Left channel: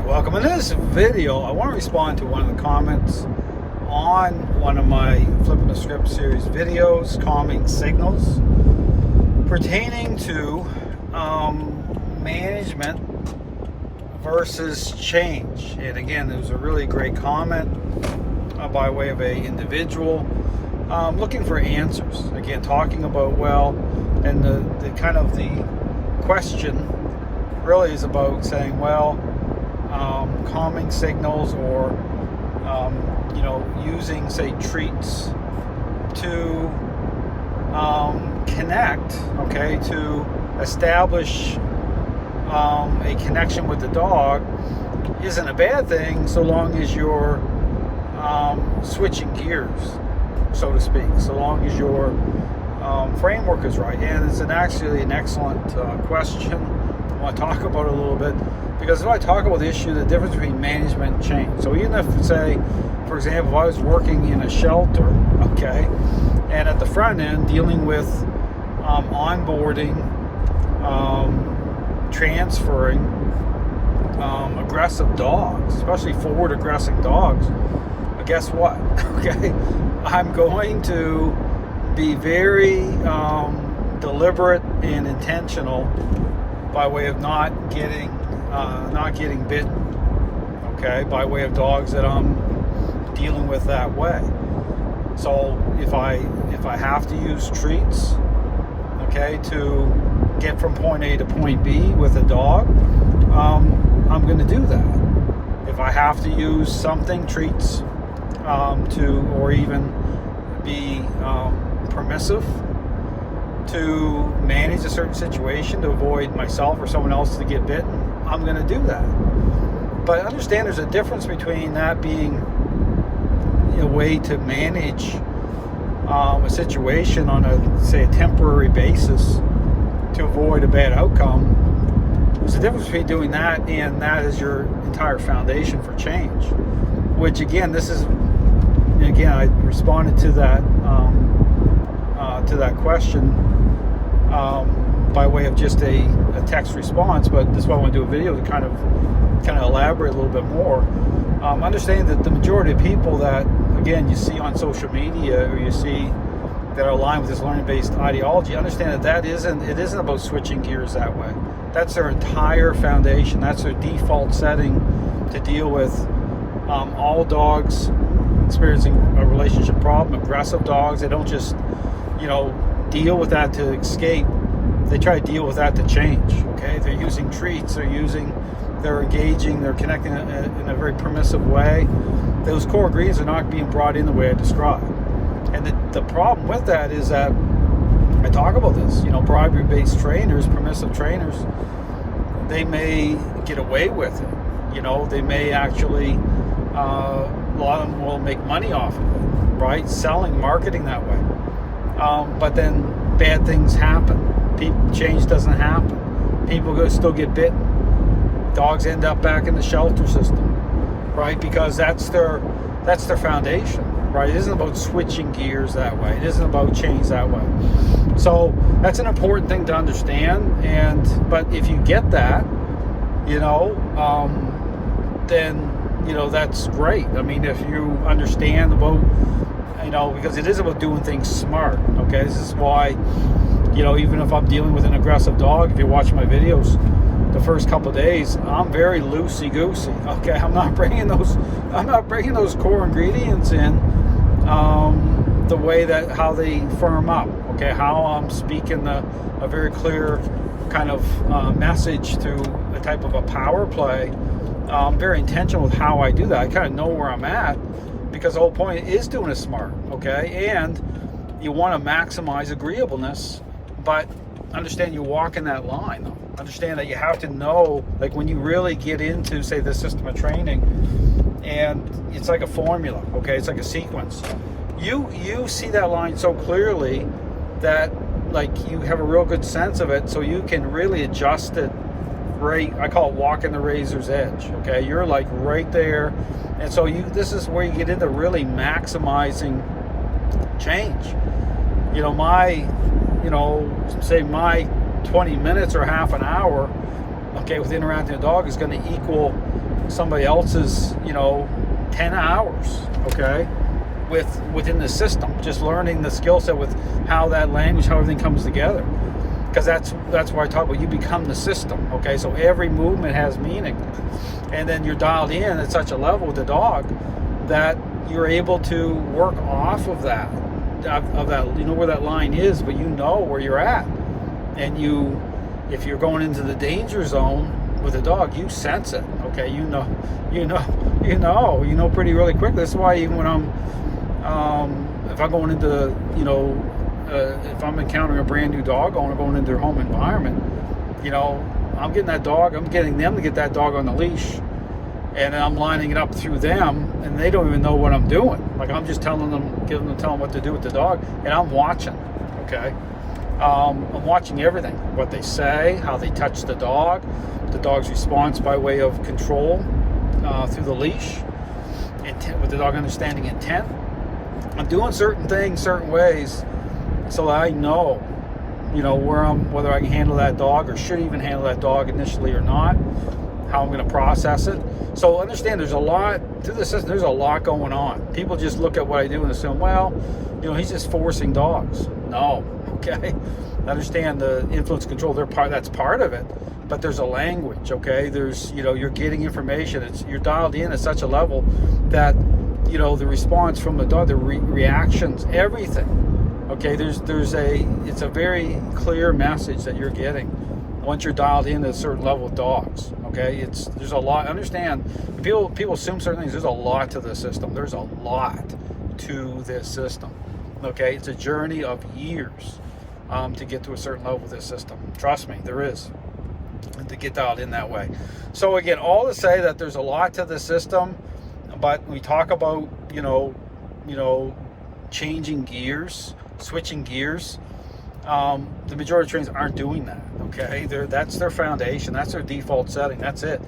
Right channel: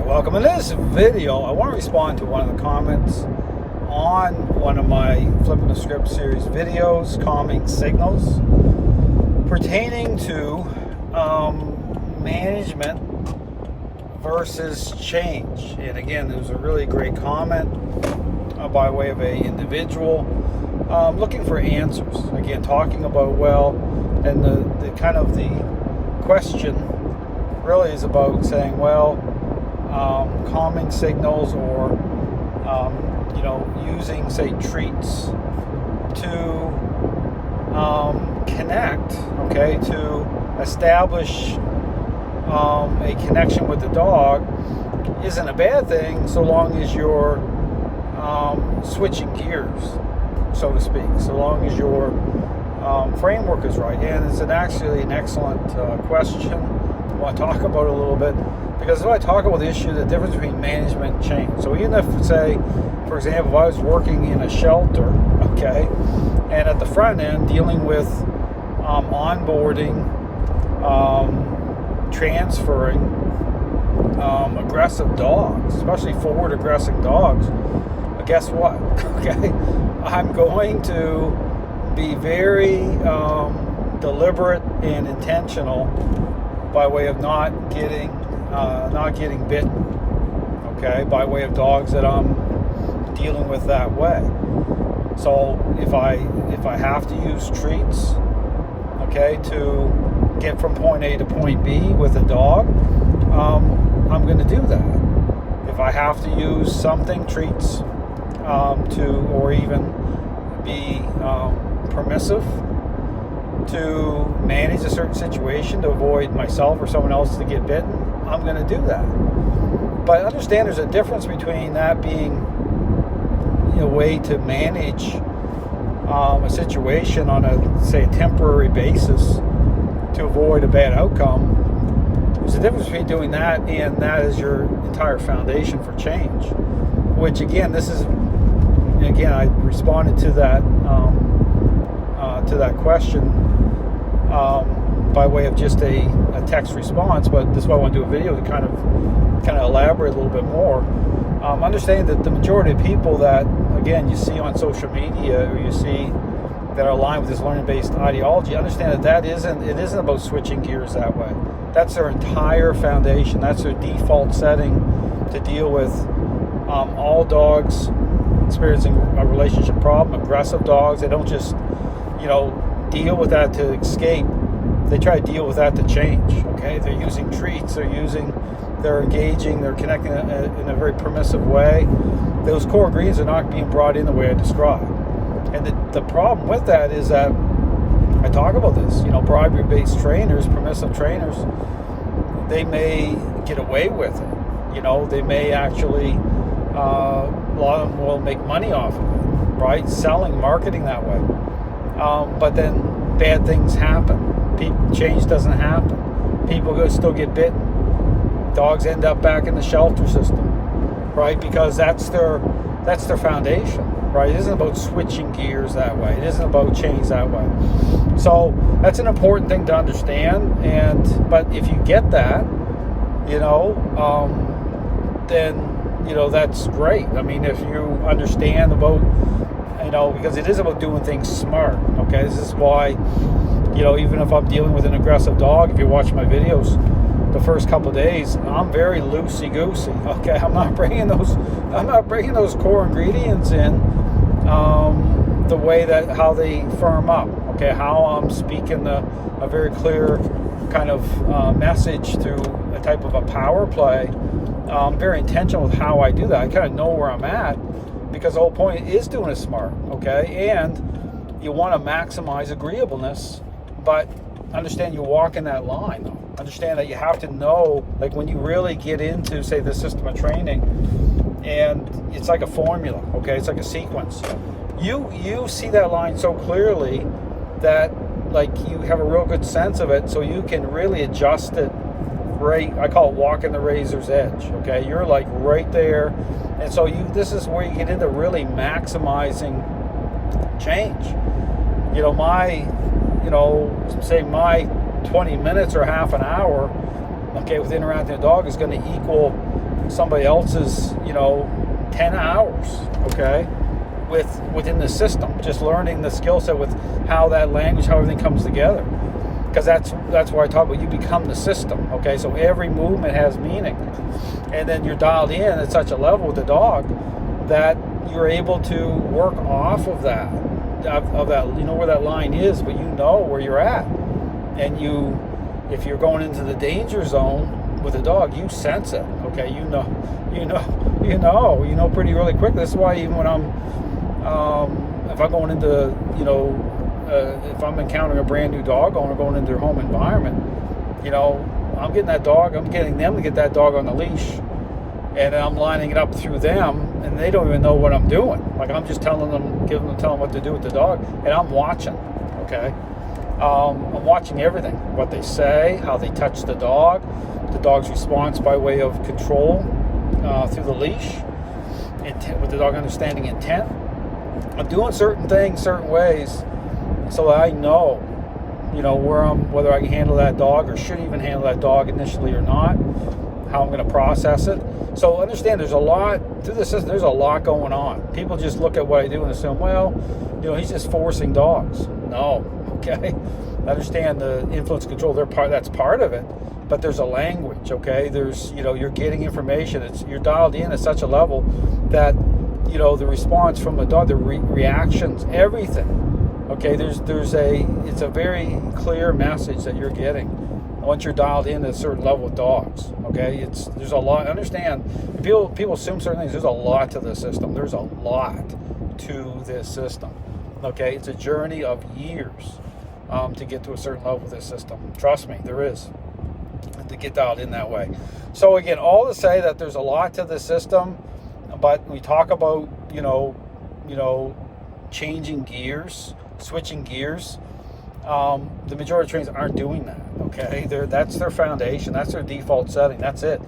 Hi, welcome. In this video, I want to respond to one of the comments on one of my Flipping the Script series videos, Calming Signals, pertaining to management versus change. And again, it was a really great comment by way of a individual looking for answers. Again, talking about, and the kind of the question really is about saying, calming signals or using, say, treats to connect, to establish a connection with the dog isn't a bad thing so long as you're switching gears, so to speak, so long as your framework is right. And it's actually an excellent question. I want to talk about it a little bit, because if I talk about the issue, the difference between management and change. So even if, say, for example, if I was working in a shelter, and at the front end dealing with onboarding, transferring aggressive dogs, especially forward aggressive dogs, guess what? I'm going to be very deliberate and intentional by way of not getting bitten, by way of dogs that I'm dealing with that way. So if I have to use treats, to get from point A to point B with a dog, I'm going to do that. If I have to use something, treats, or even be permissive to manage a certain situation to avoid myself or someone else to get bitten, I'm going to do that. But understand there's a difference between that being a way to manage a situation on a temporary basis to avoid a bad outcome. There's a difference between doing that and that is your entire foundation for change. Which again, I responded to that question by way of just a text response, but this is why I want to do a video to kind of elaborate a little bit more. Understand that the majority of people that, again, you see on social media or you see that are aligned with this learning-based ideology, understand that it isn't about switching gears that way. That's their entire foundation. That's their default setting to deal with all dogs experiencing a relationship problem, aggressive dogs. They don't just, deal with that to escape. They try to deal with that to change, They're using treats, they're engaging, they're connecting in a very permissive way. Those core ingredients are not being brought in the way I described. And the problem with that is that I talk about this, bribery-based trainers, permissive trainers, they may get away with it. They may actually, a lot of them will make money off of it, right? Selling, marketing that way. But then bad things happen. Change doesn't happen. People still get bitten. Dogs end up back in the shelter system, right? Because that's their foundation, right? It isn't about switching gears that way. It isn't about change that way. So that's an important thing to understand. But if you get that, then that's great. I mean, if you understand about, because it is about doing things smart. This is why, even if I'm dealing with an aggressive dog, if you watch my videos, the first couple of days, I'm very loosey-goosey. I'm not bringing those core ingredients in the way that how they firm up. How I'm speaking a very clear kind of message through a type of a power play. I'm very intentional with how I do that. I kind of know where I'm at because the whole point is doing it smart. And you want to maximize agreeableness, but understand you're walking that line though. Understand that you have to know, like when you really get into, say, the system of training, and it's like a formula, it's like a sequence. You see that line so clearly that, like, you have a real good sense of it, so you can really adjust it right. I call it walking the razor's edge. You're like right there, and so this is where you get into really maximizing change. My 20 minutes or half an hour, with interacting with a dog is going to equal, somebody else's, 10 hours, okay, within the system, just learning the skill set with how that language, how everything comes together. Because that's why I talk about you become the system, okay? So every movement has meaning. And then you're dialed in at such a level with the dog that you're able to work off of that, you know where that line is, but you know where you're at. And if you're going into the danger zone with a dog, you sense it, okay? You know pretty really quick. That's why even when if I'm going into, if I'm encountering a brand new dog owner going into their home environment, I'm getting them to get that dog on the leash, and I'm lining it up through them, and they don't even know what I'm doing. Like, I'm just telling them what to do with the dog, and I'm watching, okay? I'm watching everything, what they say, how they touch the dog's response by way of control through the leash, with the dog understanding intent. I'm doing certain things, certain ways, so that I know, whether I can handle that dog or should even handle that dog initially or not, how I'm going to process it. So understand, there's a lot to the system. There's a lot going on. People just look at what I do and assume, well, he's just forcing dogs. No, okay. Understand the influence control. That's part of it. But there's a language, okay? There's, you're getting information. You're dialed in at such a level that, the response from the dog, the reactions, everything. Okay, it's a very clear message that you're getting once you're dialed in at a certain level with dogs. Okay, there's a lot. Understand, people assume certain things. There's a lot to this system. There's a lot to this system. Okay, it's a journey of years to get to a certain level with this system. Trust me, there is, and to get dialed in that way. So again, all to say that there's a lot to the system, but we talk about changing gears, switching gears. The majority of trainers aren't doing that. Okay, that's their foundation, that's their default setting, that's it.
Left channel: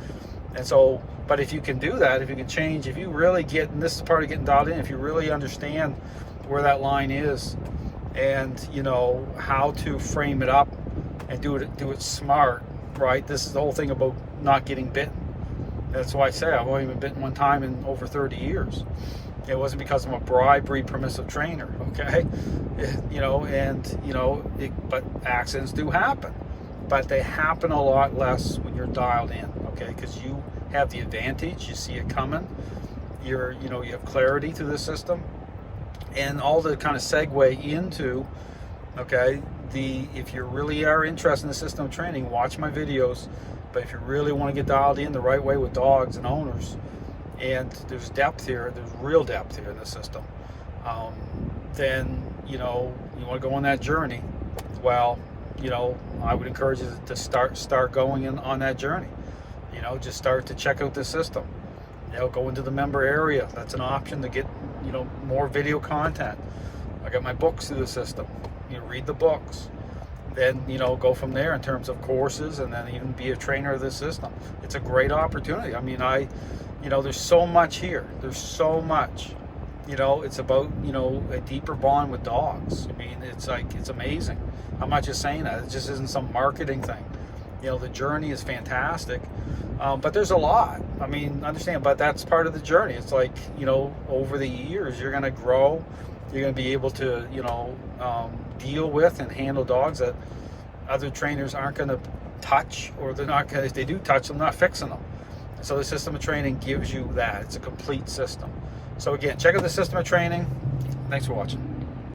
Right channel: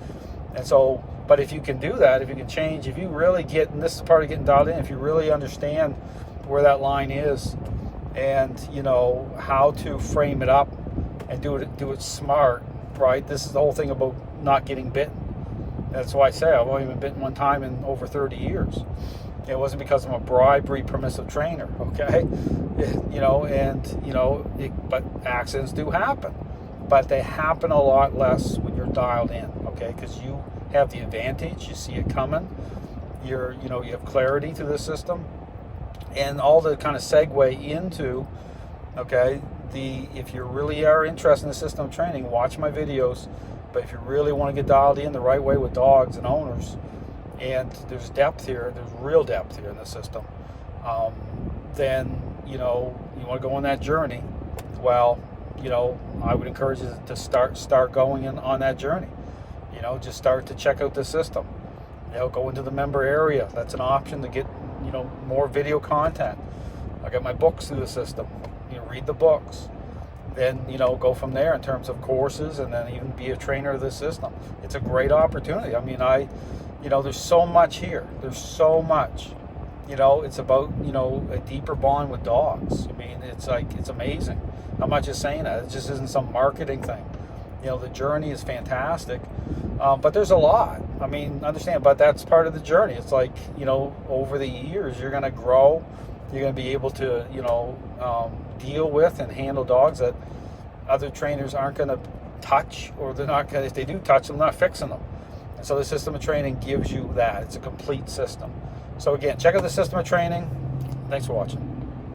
And so, but if you can do that, if you can change, if you really get, and this is part of getting dialed in, if you really understand where that line is, and how to frame it up and do it smart, right? This is the whole thing about not getting bitten. That's why I say I've only been bitten one time in over 30 years. It wasn't because I'm a bribery permissive trainer, okay? But accidents do happen. But they happen a lot less when you're dialed in, okay? Because you have the advantage, you see it coming, you have clarity to the system, and all the kind of segue into, okay, if you really are interested in the system of training, watch my videos. But if you really want to get dialed in the right way with dogs and owners, and there's depth here, there's real depth here in the system, then, you want to go on that journey, well, I would encourage you to start going on that journey. Just start to check out the system. Go into the member area. That's an option to get, more video content. I got my books through the system. Read the books. Then, go from there in terms of courses, and then even be a trainer of the system. It's a great opportunity. I mean, there's so much here. There's so much. It's about, a deeper bond with dogs. I mean, it's amazing. I'm not just saying that. It just isn't some marketing thing. The journey is fantastic. But there's a lot. I mean, understand, but that's part of the journey. It's like, over the years, you're going to grow. You're going to be able to, deal with and handle dogs that other trainers aren't going to touch, or they're not going to, if they do touch them, they're not fixing them. And so the system of training gives you that. It's a complete system. So again, check out the system of training. Thanks for watching.